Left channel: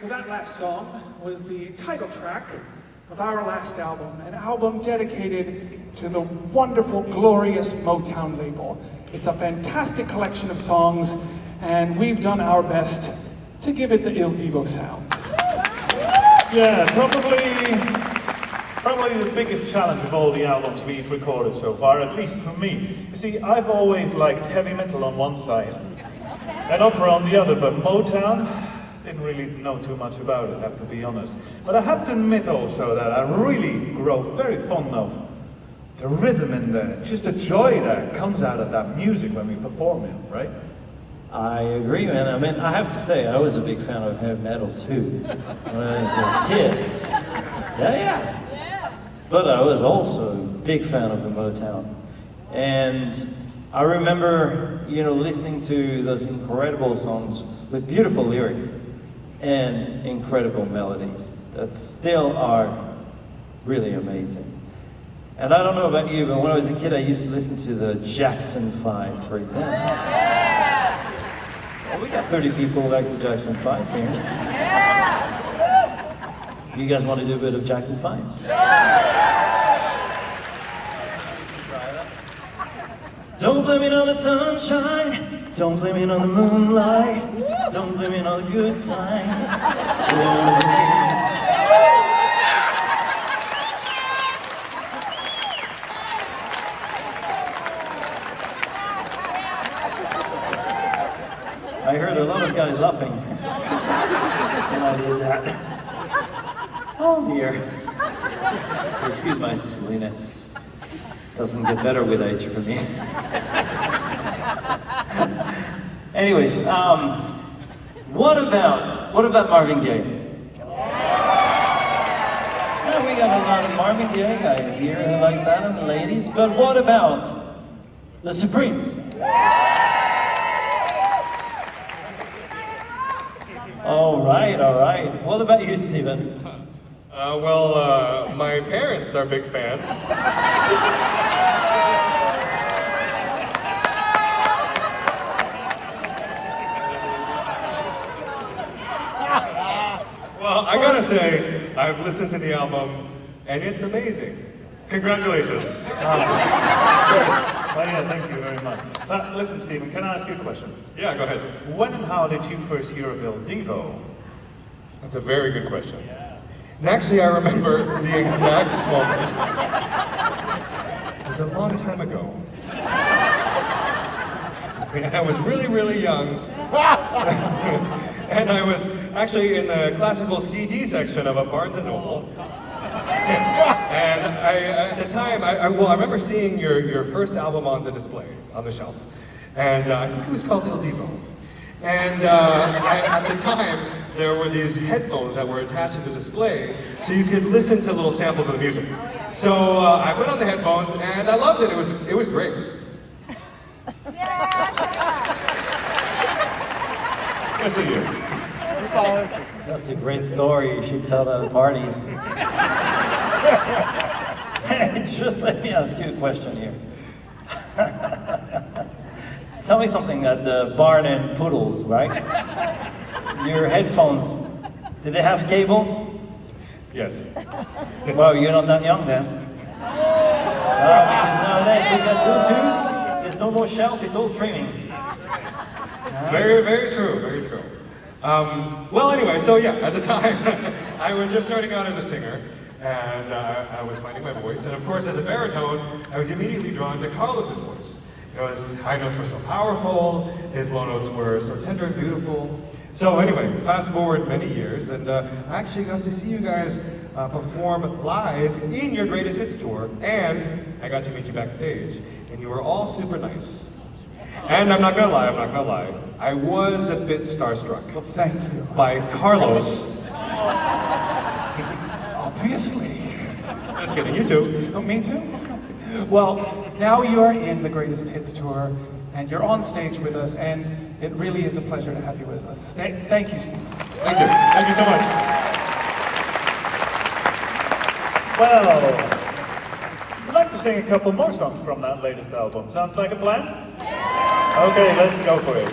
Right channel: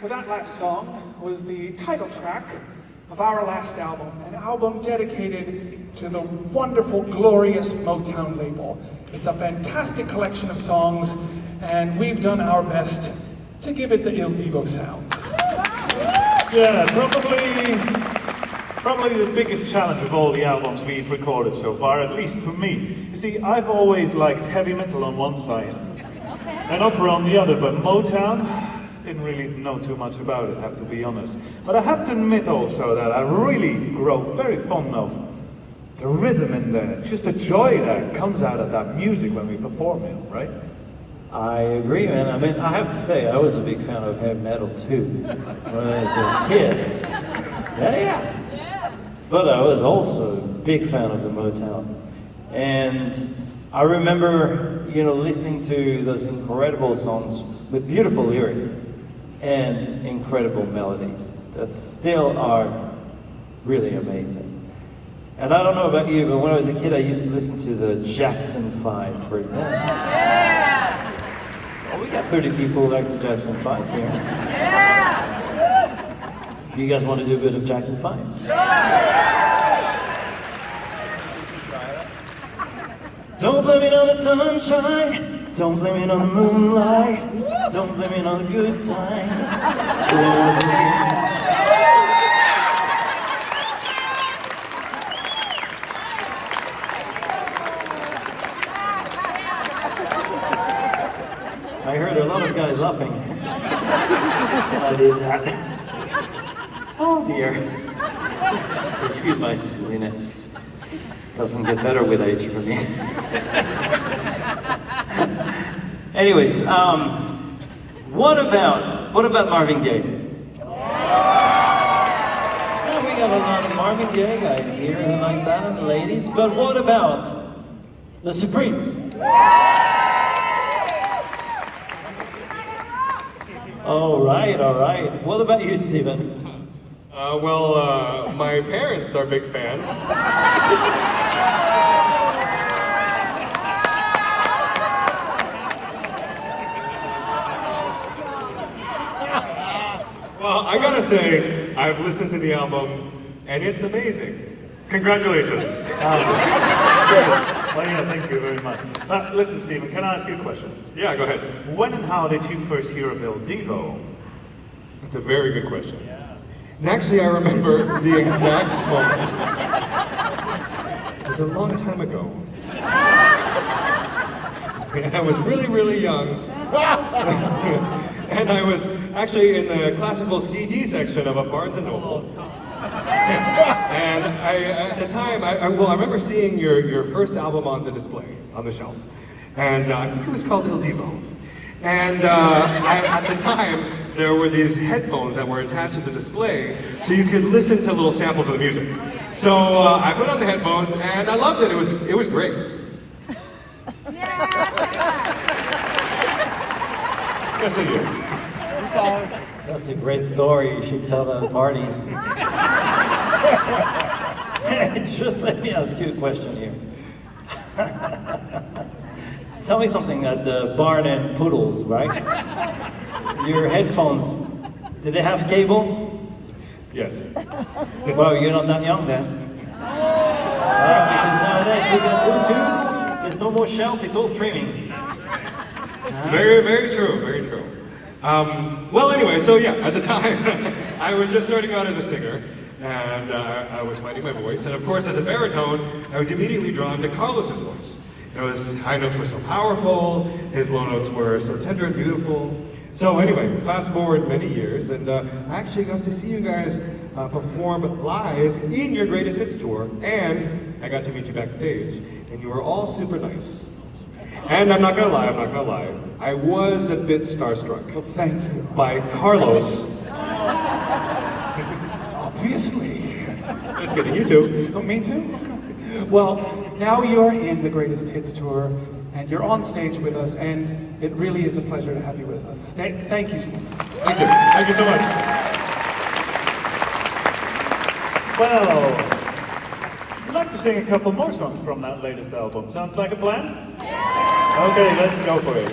Well, that last song was the title track of our last album, an album dedicated to the wonderful, glorious Motown label. It's a fantastic collection of songs, and we've done our best to give it the Il Divo sound. Yeah, probably the biggest challenge of all the albums we've recorded so far, at least for me. You see, I've always liked heavy metal on one side and opera on the other, but Motown, didn't really know too much about it, have to be honest. But I have to admit also that I really grow very fond of the rhythm in there, just the joy that comes out of that music when we perform it, right? I agree, man. I mean, I have to say, I was a big fan of heavy metal too when I was a kid. Yeah. But I was also a big fan of the Motown. And I remember, listening to those incredible songs with beautiful lyrics and incredible melodies that still are really amazing. And I don't know about you, but when I was a kid, I used to listen to the Jackson 5, for example. Well, we got 30 people who like the Jackson 5s here. Do you guys want to do a bit of Jackson 5? Don't blame it on the sunshine, don't blame it on the moonlight, don't blame it on the good times. I heard a lot of guys laughing when I did that. Oh dear. Excuse my silliness. Doesn't get better with age for me. Anyways, what about Marvin Gaye? Now we got a lot of Marvin Gaye guys here who like that, and the ladies. But what about the Supremes? All right. What about you, Steven? My parents are big fans. Well, I gotta say, I've listened to the album, and it's amazing. Congratulations. Great. Well, yeah, thank you very much. Listen, Stephen, can I ask you a question? Yeah, go ahead. When and how did you first hear of Il Divo? That's a very good question. And actually, I remember the exact moment. It was a long time ago. I was really, really young. And I was actually in the classical CD section of a Barnes & Noble. And at the time, I remember seeing your first album on the display, on the shelf. And I think it was called Il Divo. And at the time, there were these headphones that were attached to the display, so you could listen to little samples of the music. So I put on the headphones, and I loved it. It was great. Yes, I do. That's a great story. You should tell that at parties. Just let me ask you a question here. Tell me something at the Barn and Poodles, right? Your headphones, did they have cables? Yes. Well, you're not that young then. Because nowadays we got Bluetooth, there's no more shelf, it's all streaming. Very, very true, very true. Well, anyway, so yeah, at the time, I was just starting out as a singer, and I was finding my voice, and of course, as a baritone, I was immediately drawn to Carlos's voice. His high notes were so powerful, his low notes were so tender and beautiful. So anyway, fast forward many years, and I actually got to see you guys perform live in your Greatest Hits tour, and I got to meet you backstage, and you were all super nice. And I'm not gonna lie, I was a bit starstruck. Well, thank you. By Carlos. Obviously. Just kidding, you too. Oh, me too? Well, now you're in the Greatest Hits tour, and you're on stage with us, and it really is a pleasure to have you with us. Thank you, Steve. Thank you. Thank you so much. Well, I'd like to sing a couple more songs from that latest album. Sounds like a plan? Okay, let's go for it.